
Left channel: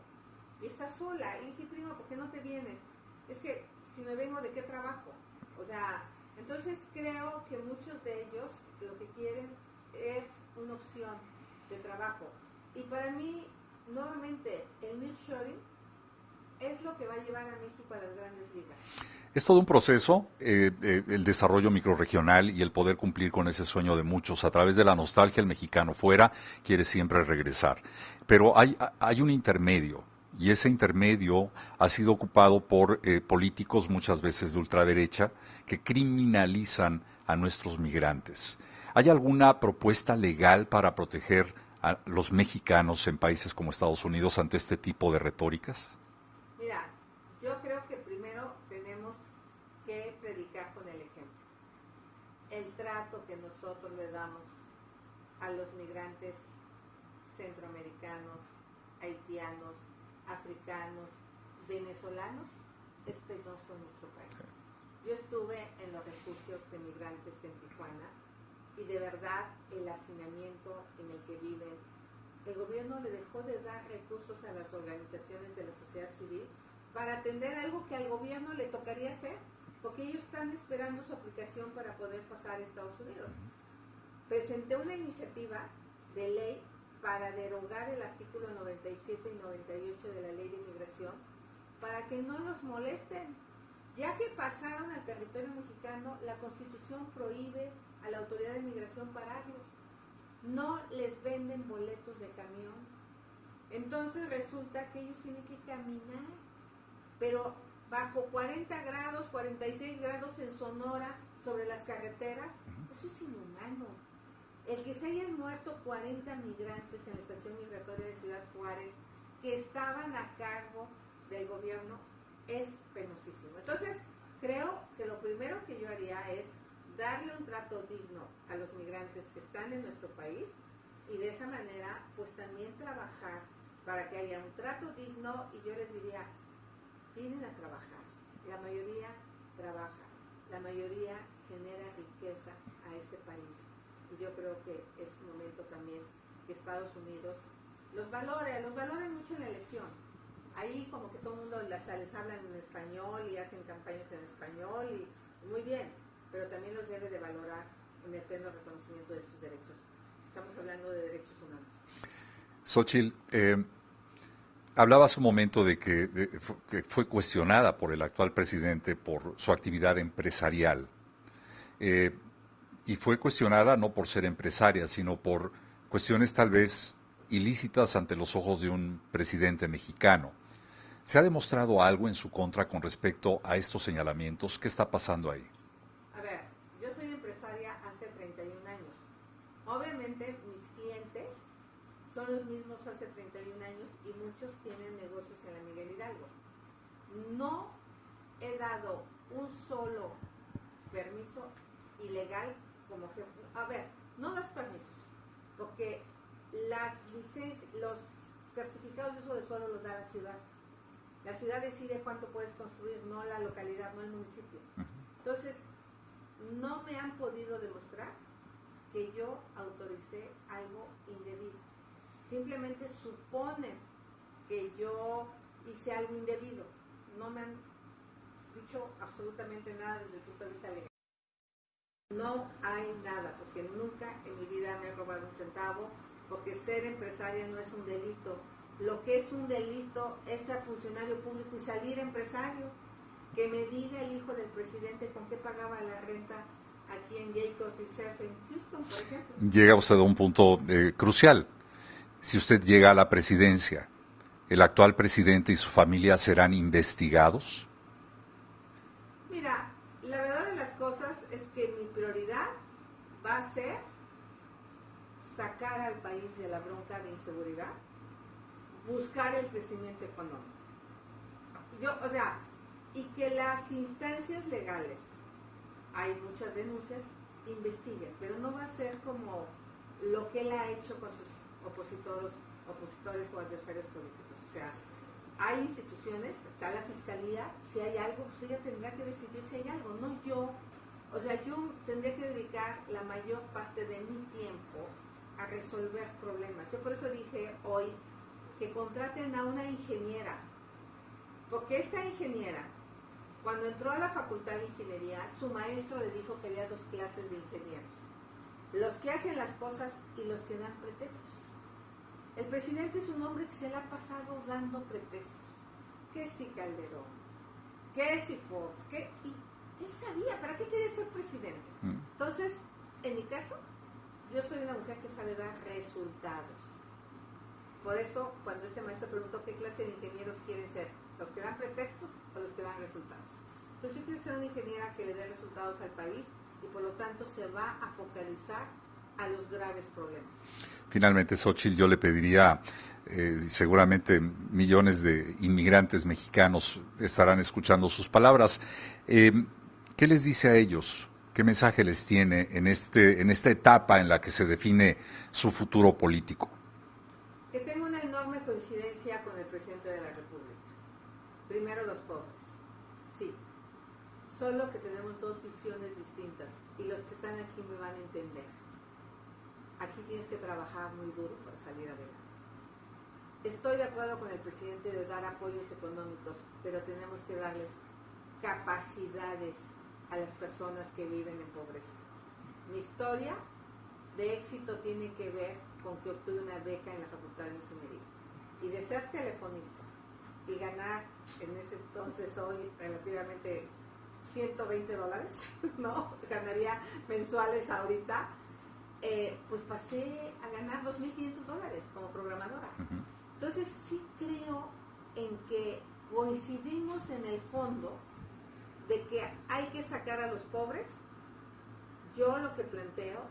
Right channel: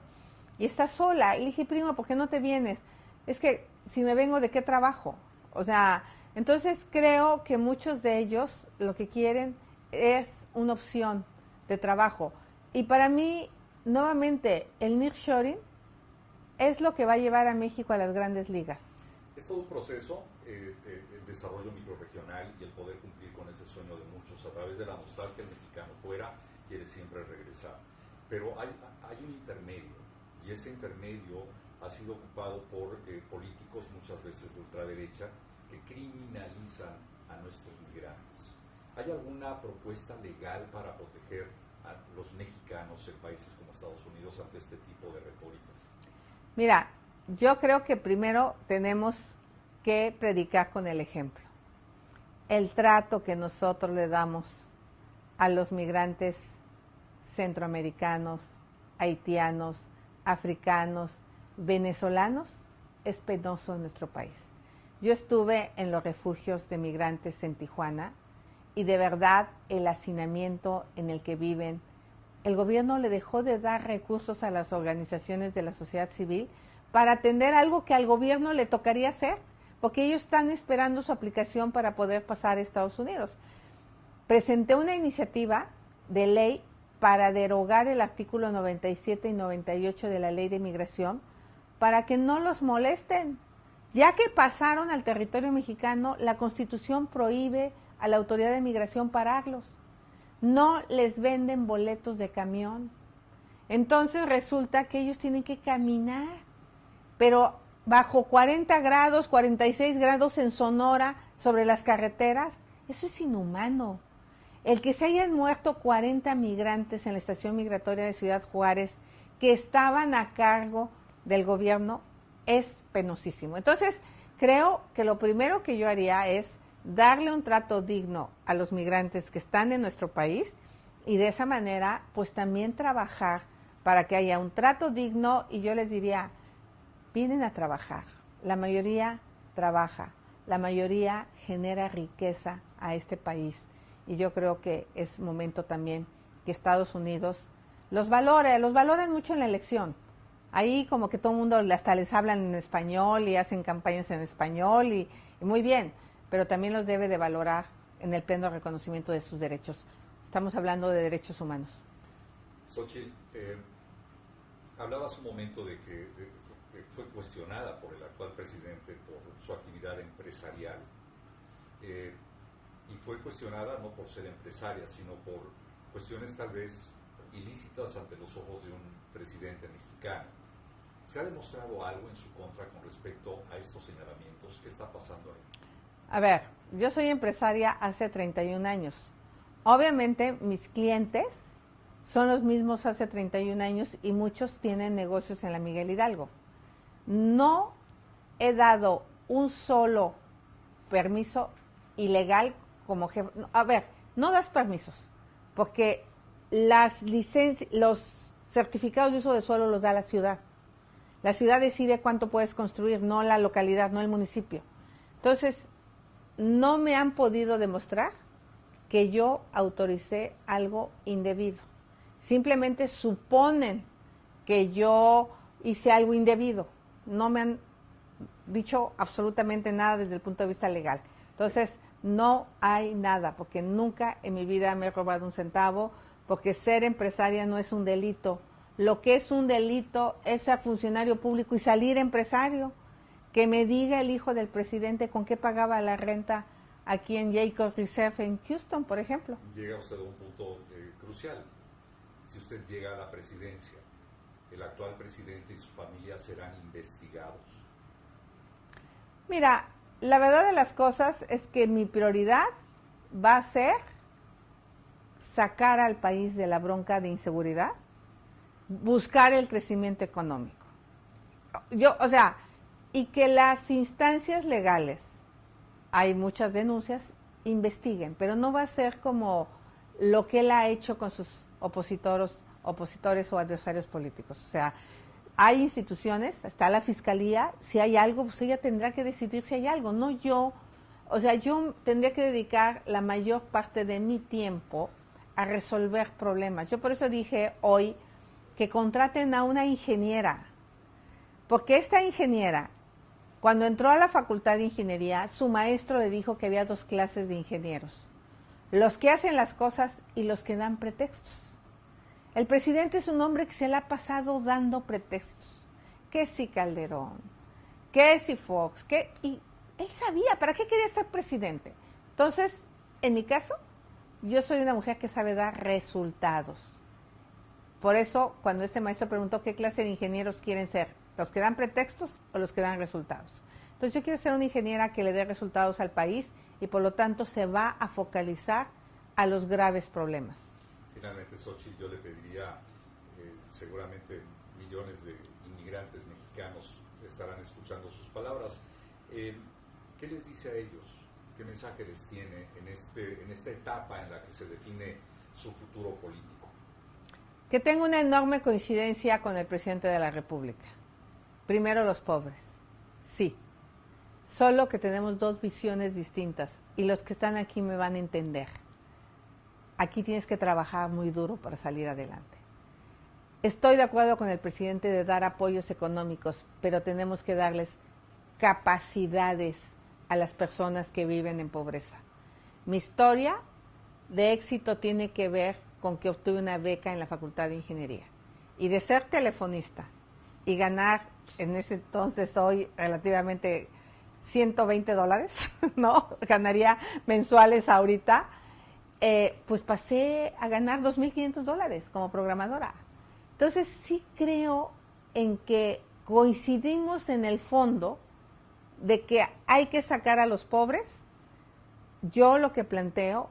y está sola. Y le dije, primo, ¿por qué no te vienes? Es que si me vengo, ¿de qué trabajo? O sea, entonces creo que muchos de ellos lo que quieren es una opción de trabajo. Y para mí, nuevamente, el nearshoring es lo que va a llevar a México a las grandes ligas. Es todo un proceso, el desarrollo microrregional y el poder cumplir con ese sueño de muchos. A través de la nostalgia, el mexicano fuera quiere siempre regresar. Pero hay un intermedio, y ese intermedio ha sido ocupado por políticos, muchas veces de ultraderecha, que criminalizan a nuestros migrantes. ¿Hay alguna propuesta legal para proteger a los mexicanos en países como Estados Unidos ante este tipo de retóricas? Mira, yo creo que primero tenemos que predicar con el ejemplo. El trato que nosotros le damos a los migrantes centroamericanos, haitianos, africanos, venezolanos, es penoso en nuestro país. Yo estuve en los refugios de migrantes en Tijuana y de verdad el hacinamiento en el que viven, el gobierno le dejó de dar recursos a las organizaciones de la sociedad civil para atender algo que al gobierno le tocaría hacer, porque ellos están esperando su aplicación para poder pasar a Estados Unidos. Presenté una iniciativa de ley para derogar el artículo 97 y 98 de la Ley de Migración para que no los molesten. Ya que pasaron al territorio mexicano, la Constitución prohíbe a la Autoridad de Migración pararlos. No les venden boletos de camión. Entonces resulta que ellos tienen que caminar, pero bajo 40 grados, 46 grados en Sonora, sobre las carreteras. Eso es inhumano. El que se hayan muerto 40 migrantes en la estación migratoria de Ciudad Juárez, que estaban a cargo del gobierno, es penosísimo. Entonces, creo que lo primero que yo haría es darle un trato digno a los migrantes que están en nuestro país y de esa manera, pues también trabajar para que haya un trato digno. Y yo les diría, vienen a trabajar, la mayoría trabaja, la mayoría genera riqueza a este país y yo creo que es momento también que Estados Unidos los valoren mucho en la elección. Ahí como que todo el mundo hasta les hablan en español y hacen campañas en español y muy bien, pero también los debe de valorar en el pleno reconocimiento de sus derechos. Estamos hablando de derechos humanos. Xóchitl, hablaba hace un momento de que fue cuestionada por el actual presidente por su actividad empresarial. Y fue cuestionada no por ser empresaria, sino por cuestiones tal vez ilícitas ante los ojos de un presidente mexicano. ¿Se ha demostrado algo en su contra con respecto a estos señalamientos? ¿Qué está pasando ahí? A ver, yo soy empresaria hace 31 años. Obviamente mis clientes son los mismos hace 31 años y muchos tienen negocios en la Miguel Hidalgo. No he dado un solo permiso ilegal como jefe. A ver, no das permisos, porque las licencias, los certificados de uso de suelo los da la ciudad. La ciudad decide cuánto puedes construir, no la localidad, no el municipio. Entonces, no me han podido demostrar que yo autoricé algo indebido. Simplemente suponen que yo hice algo indebido. No me han dicho absolutamente nada desde el punto de vista legal. Entonces, no hay nada, porque nunca en mi vida me he robado un centavo, porque ser empresaria no es un delito. Lo que es un delito es ser funcionario público y salir empresario. Que me diga el hijo del presidente con qué pagaba la renta aquí en Jacobs Reserve en Houston, por ejemplo. Llega usted a un punto crucial. Si usted llega a la presidencia, ¿el actual presidente y su familia serán investigados? Mira, la verdad de las cosas es que mi prioridad va a ser sacar al país de la bronca de inseguridad, buscar el crecimiento económico. y que las instancias legales, hay muchas denuncias, investiguen, pero no va a ser como lo que él ha hecho con sus opositores o adversarios políticos. O sea, hay instituciones, está la fiscalía, si hay algo, pues ella tendrá que decidir si hay algo, no yo. O sea, yo tendría que dedicar la mayor parte de mi tiempo a resolver problemas. Yo por eso dije hoy que contraten a una ingeniera, porque esta ingeniera, cuando entró a la Facultad de Ingeniería, su maestro le dijo que había 2 clases de ingenieros: los que hacen las cosas y los que dan pretextos. El presidente es un hombre que se le ha pasado dando pretextos. Que si Calderón, que si Fox, y él sabía para qué quería ser presidente. Entonces, en mi caso, yo soy una mujer que sabe dar resultados. Por eso, cuando este maestro preguntó qué clase de ingenieros quieren ser, los que dan pretextos o los que dan resultados. Entonces, yo quiero ser una ingeniera que le dé resultados al país y por lo tanto se va a focalizar a los graves problemas. Finalmente, Xóchitl, yo le pediría, seguramente millones de inmigrantes mexicanos estarán escuchando sus palabras. ¿Qué les dice a ellos? ¿Qué mensaje les tiene en esta etapa en la que se define su futuro político? Que tengo una enorme coincidencia con el presidente de la República. Primero, los pobres. Sí. Solo que tenemos 2 visiones distintas y los que están aquí me van a entender. Aquí tienes que trabajar muy duro para salir adelante. Estoy de acuerdo con el presidente de dar apoyos económicos, pero tenemos que darles capacidades a las personas que viven en pobreza. Mi historia de éxito tiene que ver con que obtuve una beca en la Facultad de Ingeniería. Y de ser telefonista y ganar, en ese entonces hoy relativamente $120, ¿no? Ganaría mensuales ahorita. Pues pasé a ganar $2,500 como programadora. Entonces sí creo en que coincidimos en el fondo de que hay que sacar a los pobres. Yo lo que planteo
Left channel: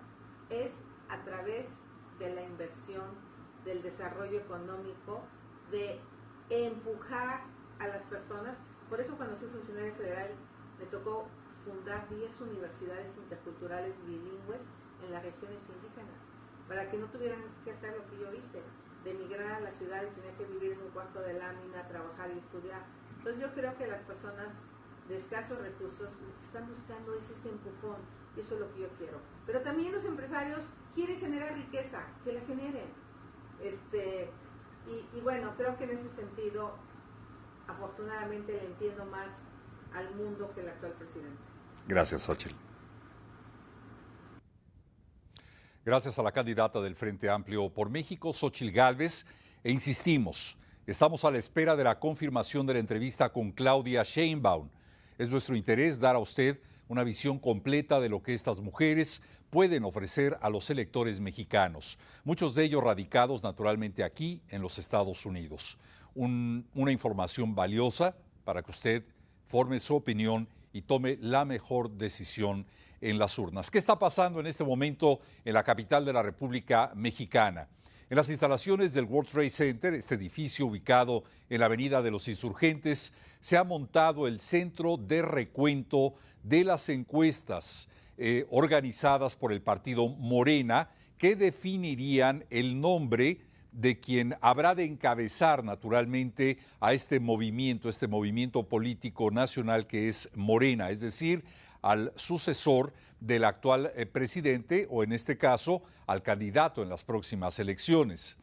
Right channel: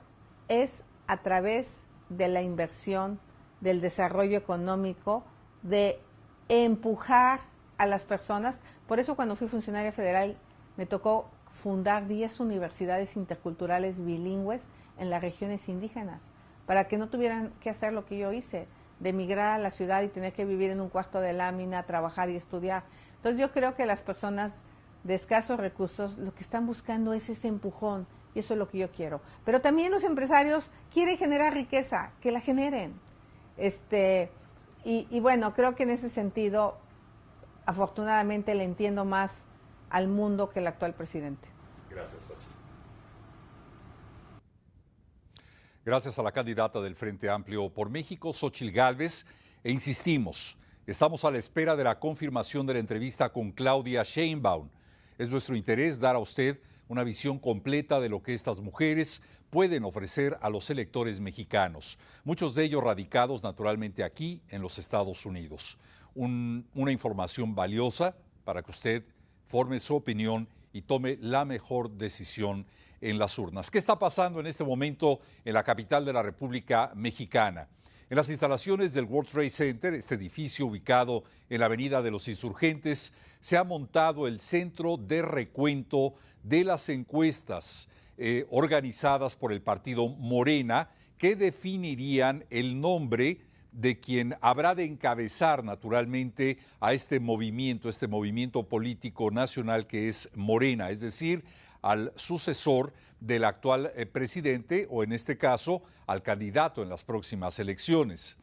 es a través de la inversión, del desarrollo económico, de empujar a las personas. Por eso cuando fui funcionaria federal me tocó fundar 10 universidades interculturales bilingües en las regiones indígenas, para que no tuvieran que hacer lo que yo hice, de emigrar a la ciudad y tener que vivir en un cuarto de lámina, trabajar y estudiar. Entonces yo creo que las personas de escasos recursos lo que están buscando es ese empujón, y eso es lo que yo quiero. Pero también los empresarios quieren generar riqueza, que la generen. Y bueno, creo que en ese sentido, afortunadamente le entiendo más al mundo que el actual presidente. Gracias, Xóchitl. Gracias a la candidata del Frente Amplio por México, Xóchitl Gálvez, e insistimos, estamos a la espera de la confirmación de la entrevista con Claudia Sheinbaum. Es nuestro interés dar a usted una visión completa de lo que estas mujeres pueden ofrecer a los electores mexicanos, muchos de ellos radicados naturalmente aquí en los Estados Unidos. Una información valiosa para que usted forme su opinión y tome la mejor decisión en las urnas. ¿Qué está pasando en este momento en la capital de la República Mexicana? En las instalaciones del World Trade Center, este edificio ubicado en la Avenida de los Insurgentes, se ha montado el centro de recuento de las encuestas organizadas por el partido Morena, que definirían el nombre de quien habrá de encabezar naturalmente a este movimiento político nacional que es Morena, es decir, al sucesor del actual presidente o en este caso al candidato en las próximas elecciones.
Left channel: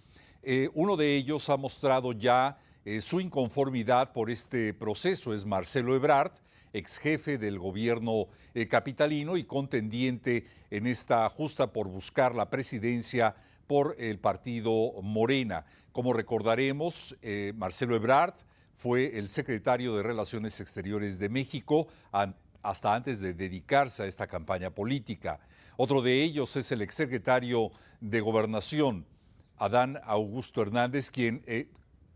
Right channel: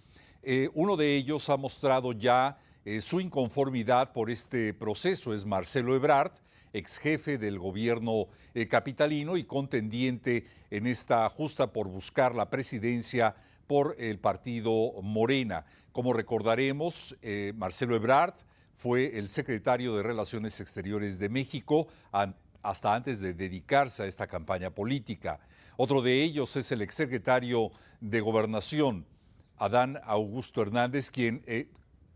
Uno de ellos ha mostrado ya su inconformidad por este proceso, es Marcelo Ebrard, ex jefe del gobierno capitalino y contendiente en esta justa por buscar la presidencia por el partido Morena. Como recordaremos, Marcelo Ebrard fue el secretario de Relaciones Exteriores de México hasta antes de dedicarse a esta campaña política. Otro de ellos es el exsecretario de Gobernación, Adán Augusto Hernández, quien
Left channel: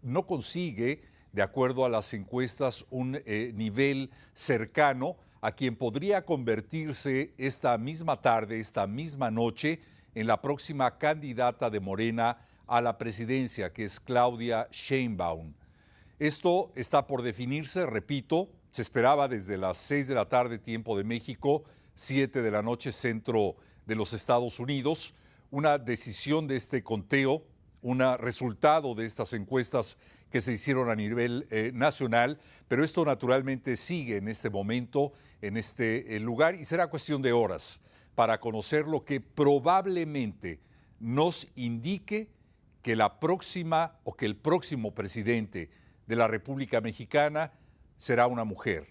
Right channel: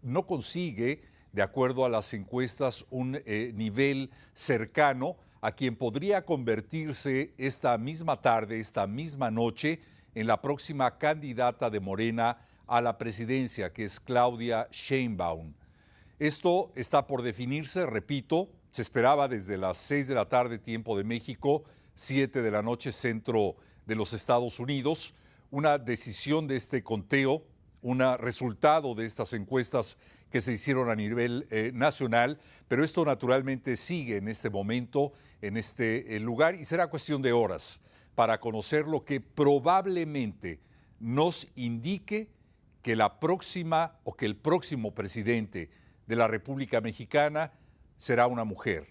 no consigue, de acuerdo a las encuestas, un nivel cercano a quien podría convertirse esta misma tarde, esta misma noche, en la próxima candidata de Morena a la presidencia, que es Claudia Sheinbaum. Esto está por definirse, repito, Se esperaba desde las 6 de la tarde, tiempo de México, 7 de la noche, centro de los Estados Unidos, una decisión de este conteo, un resultado de estas encuestas que se hicieron a nivel nacional, pero esto naturalmente sigue en este momento, en este lugar, y será cuestión de horas para conocer lo que probablemente nos indique que la próxima o que el próximo presidente de la República Mexicana será una mujer.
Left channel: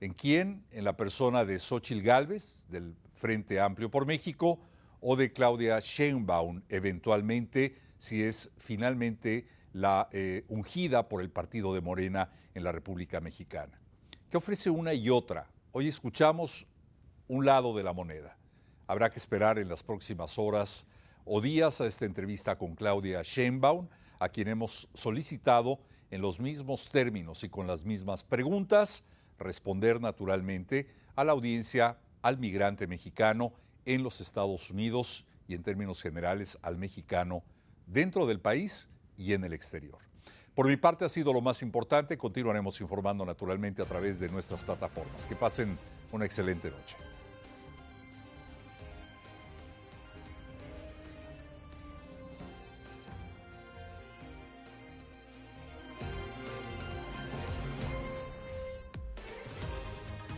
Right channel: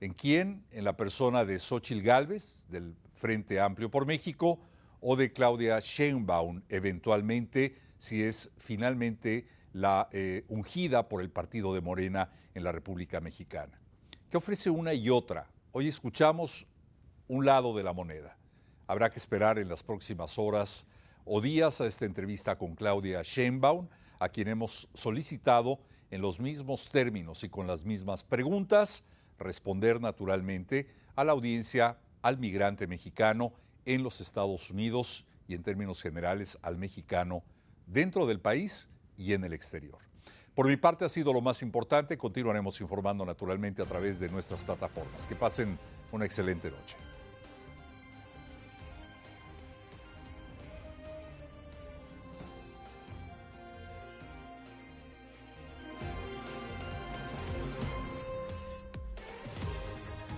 ¿En quién? En la persona de Xóchitl Gálvez, del Frente Amplio por México, o de Claudia Sheinbaum, eventualmente, si es finalmente la ungida por el partido de Morena en la República Mexicana. ¿Qué ofrece una y otra? Hoy escuchamos un lado de la moneda. Habrá que esperar en las próximas horas o días a esta entrevista con Claudia Sheinbaum, a quien hemos solicitado en los mismos términos y con las mismas preguntas, responder naturalmente a la audiencia, al migrante mexicano en los Estados Unidos y en términos generales al mexicano dentro del país y en el exterior. Por mi parte ha sido lo más importante. Continuaremos informando naturalmente a través de nuestras plataformas. Que pasen una excelente noche.